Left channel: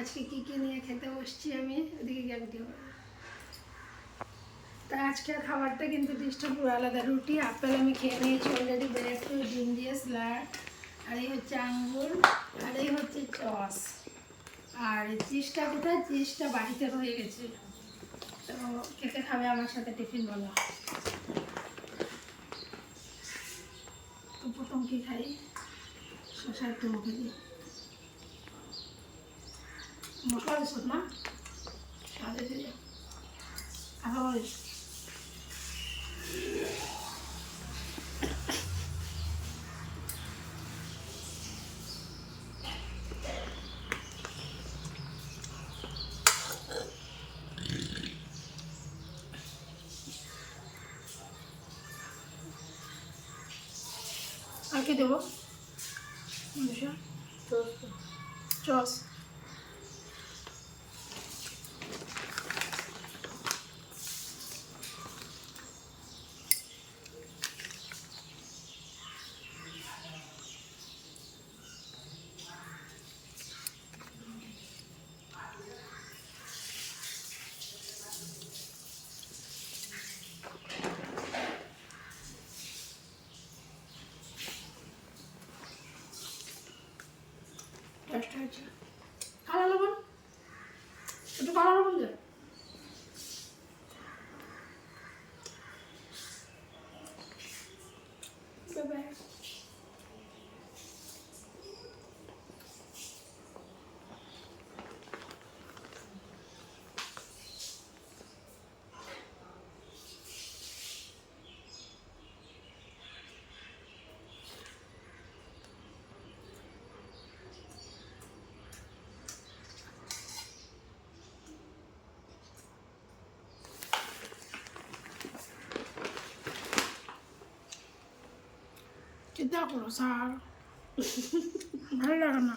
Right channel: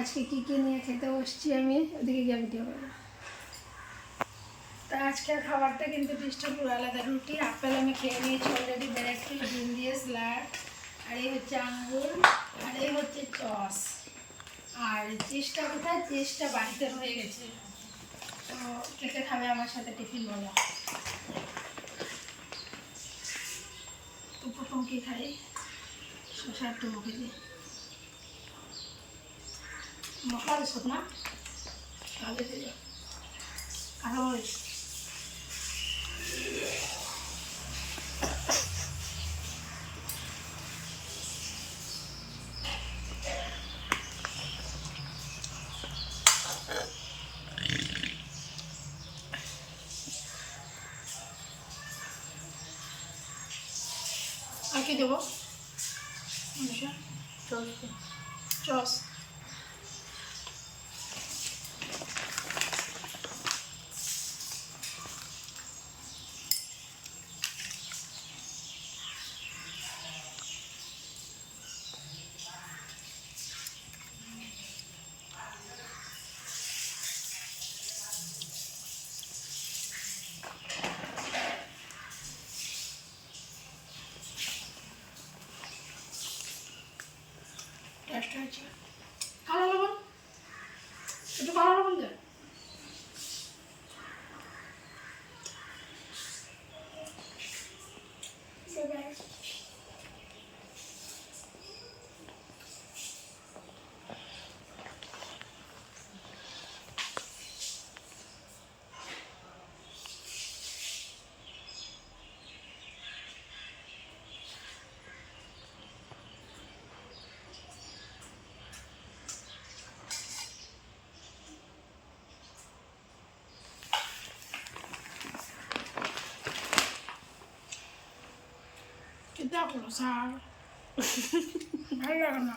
আজকে কী কী নিয়ে খেতে বসছি আমি, ওদিকে গিয়ে ভিডিও করবো। তা আজকের খাবারটা কিন্তু ডিশটা পুরো আলাদা। রুটি আপেল আমি খেয়ে নিয়েছি অলরেডি, ব্রেড টু ডিম দিয়ে স্যালাড, আর এই হচ্ছে আঙ্গুর, আর এই হচ্ছে চস। আর চিজটা কোথায়? চিজটা বাড়িতে রয়ে গেছে। তো কে কে খাবে আমার সাথে টিফিন বলো? তো প্রথম কী খাই? শসা একটু মুখে দিই। মশলা দিস না? তাহলে দিও কাঁচামরিচ। আর কি দেবো মনীষা? চস। টেস্ট হয়েছে। কালো লবণ, একটু কালো লবণ দে। চিন্তা করো স্যার, ভালো লাগে না।